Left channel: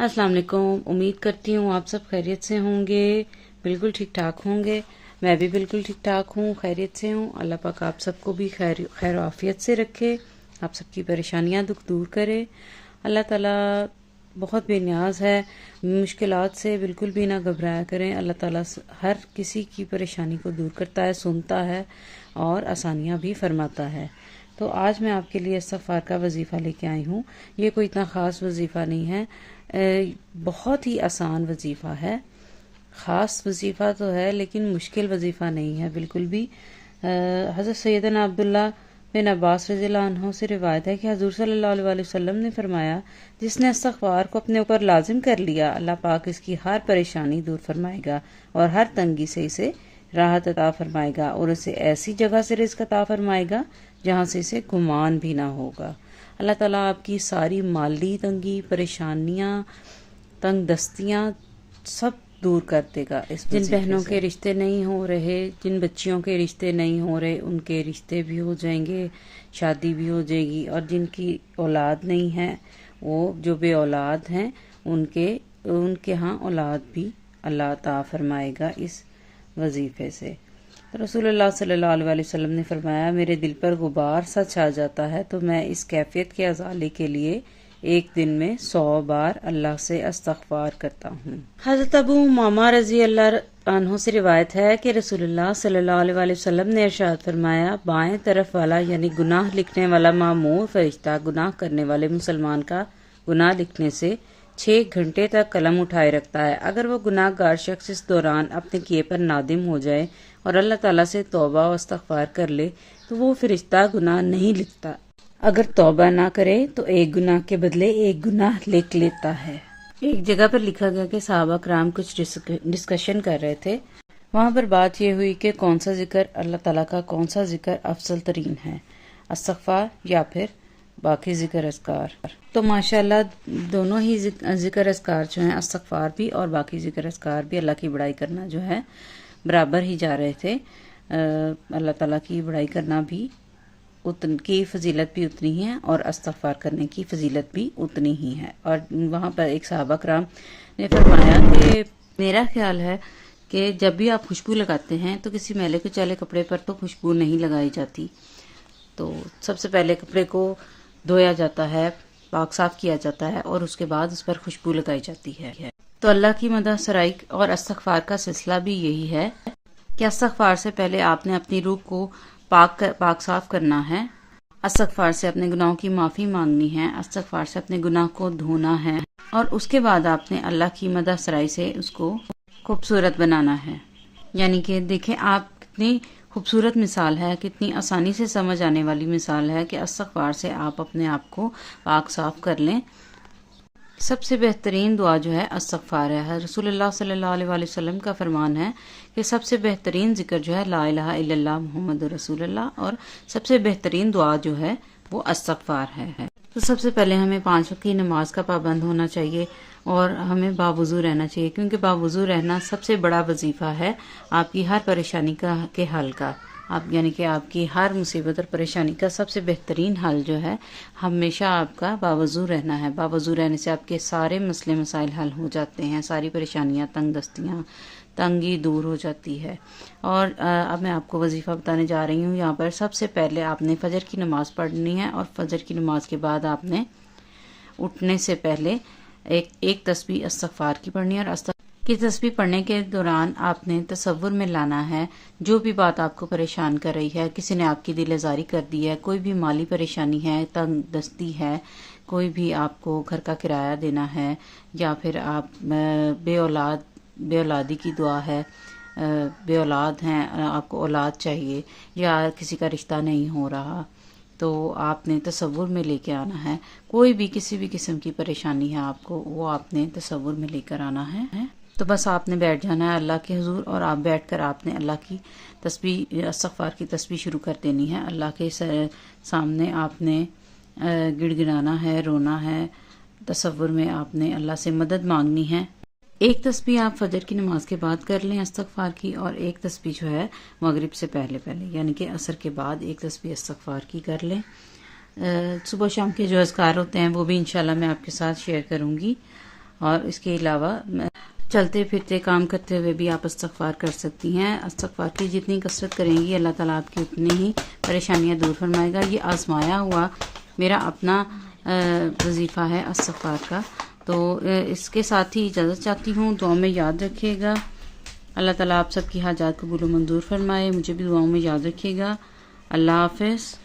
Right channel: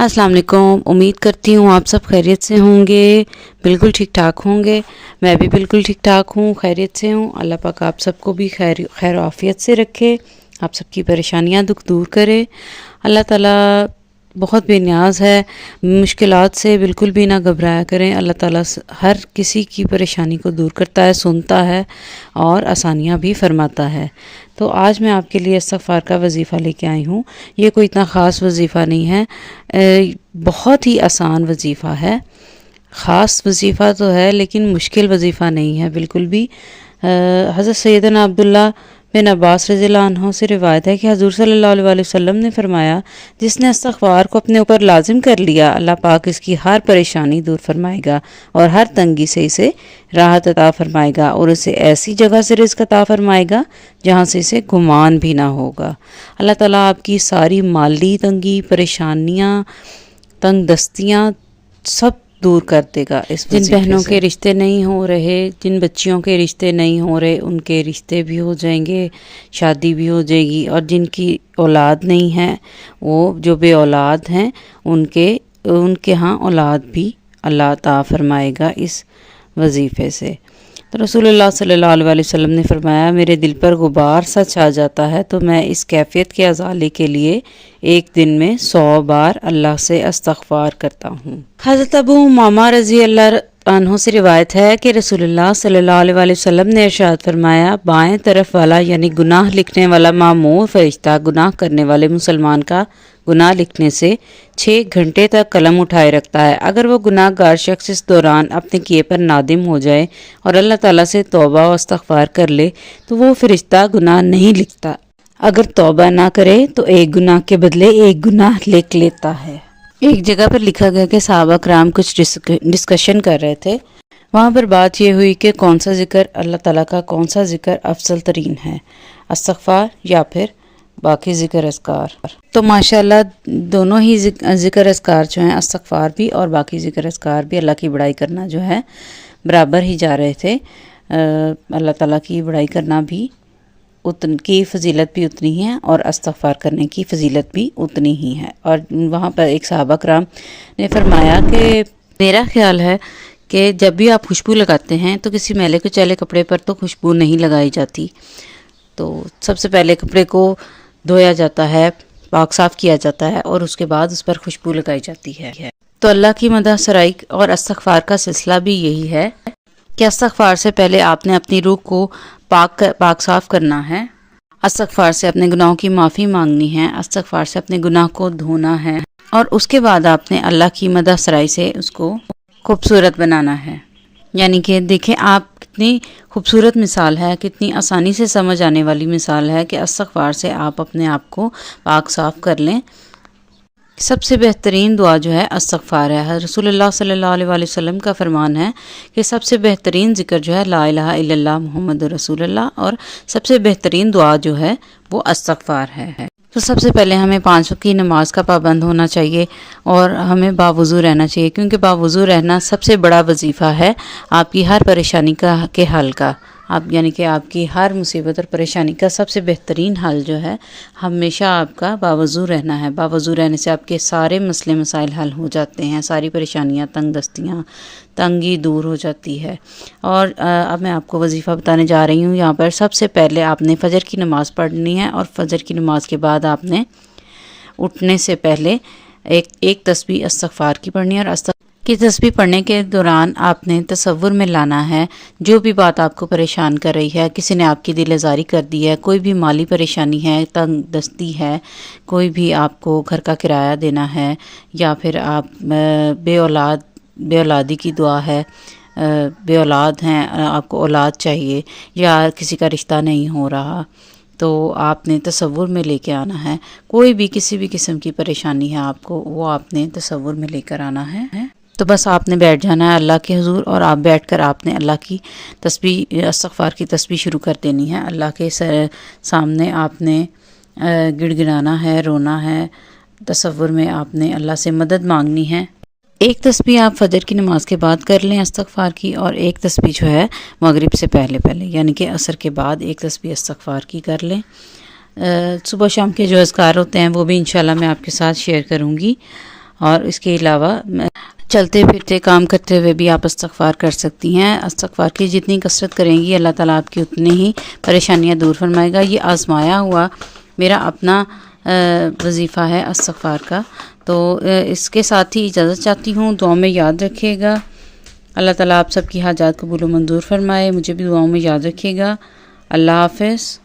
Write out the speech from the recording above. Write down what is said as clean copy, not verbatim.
अस्सलाम वालेकुम। उम्मीद करती हूँ आप सब खैरियत से होंगे, बिल्कुल ठीक ठाक होंगे। मैं भी बिल्कुल ठीक ठाक हूँ, खैरियत से हूँ। अल्लाह पाक आप सबको भी खैर आफियत से रखे, आप सबकी परेशानियाँ दुख दूर करे। अल्लाह ताला बहुत बेनियाज़ है, मुश्किलात से बिल्कुल भी ना घबराया करें। अल्लाह ताला हर किसी की परेशानी को दूर करता है, सुनता है और आसानियाँ भी फरमाता है। तो आज मैं आपके लिए इस्तग़फ़ार का वजीफ़ा लेके आई हूँ। ये कोई इतना ख़ास वजीफ़ा नहीं है, बहुत ही आसान वजीफ़ा है। ख़ास वजीफ़ा तो है लेकिन मुश्किल वजीफ़ा नहीं है बिल्कुल भी। हज़रत सैयदना अब्दुल्ला बिन अब्बास रज़ियल्लाहु अन्हु से रिवायत है कि हज़ूर सल्लल्लाहु अलैहि वसल्लम ने फरमाया, जिसने इस्तग़फ़ार को अपने ऊपर लाजिम कर लिया, अल्लाह पाक इसकी हर परेशानी दूर फरमाएगा और हर तंगी से इसे राहत अता फरमाएगा और उसे ऐसी जगह से रिज़्क़ अता फरमाएगा जहाँ से इसे गुमान भी ना होगा। अल्लाह ताला आपकी सारी माली तंगी, परेशानियाँ, तंग दस्तियाँ सब दूर कर देगा। इस जिन बहनों के रिश्ते नहीं हो रहे, जिन बच्चियों के रिश्ते नहीं हो रहे, उनके रिश्ते भी हो जाएंगे, शादी भी हो जाएगी। और जिनकी औलाद नहीं है, वो जो बे औलाद हैं, उनके यहाँ औलाद भी अल्लाह अता फरमाएगा इस वजीफ़े से। तो रसूलुल्लाह सल्लल्लाहु अलैहि वसल्लम ने फरमाया, मेरे दिल पर गुबार सा छा जाता है तो मैं इस कैफियत के अज़ाले के लिए एक दिन में 100 बार अल्लाह से इस्तग़फ़ार करता हूँ। हज़रत अबू उमामा रज़ी अल्लाह अन्हु से रिवायत है कि रसूलुल्लाह सल्लल्लाहु अलैहि वसल्लम ने इरशाद फरमाया, बाएं तरफ वाला यानी गुनाह लिखने वाला मामूर फरिश्ता गुनाह करने वाले मुसलमान का गुनाह लिखने से 6 घंटे तक कलम उठाए रखता है। अगर वो गुनाहगार शख्स इस दौरान अपने किए पर नादिम हो जाए और अल्लाह ताला से तौबा और इस्तग़फ़ार कर ले तो वो फरिश्ता गुनाह नहीं लिखता। अगर तौबा ना करे तो एक गुनाह के बदले एक गुनाह लिख लेता है। एक जगह पर लिखा गया कि सहाबा कराम कुछ डिस्कशन कर रहे थे। वहाँ पर बात ये हुई कि कौन सा ज़िक्र अल्लाह ताला का कौन सा ज़िक्र अफजल तरीन है, इस्तग़फ़ार या फिर बाकी ज़िक्र अस्कार। तो माशाल्लाह दोनों ही ज़िक्र अस्कार जो हैं, इस्तग़फ़ार भी और बाकी ज़िक्र अस्कार भी, अल्लाह की बड़ाई करना जो है बराबर ही जा रहे थे। अल्लाह ताला की बड़ाई करना भी की फ़जीलत भी उतनी है और इस्तग़फ़ार करने की फ़जीलत भी उतनी ही है। और वहाँ पर एक सहाबा कराम ने फरमाया कि मेरा ख़्याल है कि जब भी आप खुशबू लगाते हैं तो किसी मैले कुचैले कपड़े पर तो खुशबू नहीं लगाई जाती। तो सबसे पहले कपड़े को धोया जाता है, पाक साफ़ किया जाता है और उसके बाद उस पर खुशबू लगाई जाती है। तो अल्लाह की मदह सराई और इस्तग़फ़ार का सिलसिला भी यही है कि इस्तग़फ़ार से पहले आपने अपनी रूह को पाक साफ़ करना है, इस्तग़फ़ार से अपने गुनाहों की माफ़ी मांगनी है, इस्तग़फ़ार से अपने गुनाह को धोना है और उसके बाद आपने अल्लाह की मदह सराई से उसको खूबसूरत बनाना है। यानी कि देखें आप कितनी खूबसूरत मिसाल है, कितनी आसानी से समझ आने वाली मिसाल है कि इस्तग़फ़ार से आप अपने आप को पाक साफ़ कर लें। सबसे बेहतरीन दुआ जो है इस्तग़फ़ार है। रसूलुल्लाह सल्लल्लाहु अलैहि वसल्लम का फरमान है कि सबसे बेहतरीन ज़िक्र जो है ला इलाहा इल्लल्लाह मुहम्मदुर रसूलुल्लाह और सबसे बेहतरीन दुआ जो है वो इस्तग़फ़ार है। तो सबसे पहले हमें 5 वक्त की नमाज का पाबंद होना चाहिए और हमें बावुज़ू रहना चाहिए, क्योंकि बावुज़ू रहना सबसे बड़ा वजीफ़ा है आपकी हर परेशानी के हल का। आप यानी कि आपकी हर मुसीबत और परेशानी का सबसे बेहतरीन हल जो है हमेशा आपका बावुज़ू रहना है। बावुज़ू रहने से आपके सारे मसले मसाइल हल हो जाते हैं, सारी परेशानियाँ, तंग दस्तियाँ, तंगी दूर हो जाती है। और अब मैं आपको वजीफ़ा बताने जा रही हूँ। यहाँ पर सबसे पहले आपने फ़जर की नमाज़ पढ़नी है और फ़जर की नमाज़ के बाद आपने उठने से पहले एक तस्बीह इस्तग़फ़ार की पढ़नी है। और की तस्बीह पढ़ने के दौरान आपने तसव्वुर में लाना है जो भी बात आपको परेशान कर रही है, किसी ने आपकी दिल आज़ारी कर दी है, कोई भी माली परेशानी है, तंग दस्ती है, कोई भी आपको घर का किराया देना है, या फिर आप बेऔलादी की दुआ है, बेऔलाद हैं, आपको औलाद चाहिए या किसी का रिश्ता नहीं हो रहा, तो आपने तसव्वुर में लेके आना है। कोई भी किसी भी किस्म की परेशानी है आपको, वो आपने तसव्वुर में लेकर आना है। तो बस आपने बैठ जाना है अल्लाह के हुजूर और आप बैठकर आपने अल्लाह की तस्बीह इस्तग़फ़ार की तस्बीह शुरू कर देनी है। अल्लाह के सामने आपने गिड़गिड़ाना है, रोना है, तसव्वुर में आपने अल्लाह से मदद मांगनी है। एक तस्बीह आप फ़जर की नमाज़ के बाद कर लें इस्तग़फ़ार की, और एक तस्बीह जो है मगरिब से पहले यानी कि असर के बाद एक तस्बीह इस्तग़फ़ार की कर लें। सुबह शाम के जो अज़कार होते हैं वो भी इंशाल्लाह मैं आपके साथ शेयर करूँगी। اور اس کے علاوہ چلتے پھرتے کام کرتے ہوئے بھی آپ استغفار کر سکتی ہیں. استغفار کی جتنی کثرت کریں گی اللہ تعالیٰ آپ کی اتنی ہی پریشانیاں دور فرمائے گا. یہ آزمایا ہوا میرا اپنا وظیفہ ہے استغفار کا. تو اس کے ساتھ ہی اجازت چاہتی ہوں. دعاؤں میں یاد رکھیے گا. اللہ تعالیٰ آپ سب کی حاجات قبول و منظور فرمائے. مجھے بھی دعاؤں میں یاد رکھیے گا. اللہ حافظ.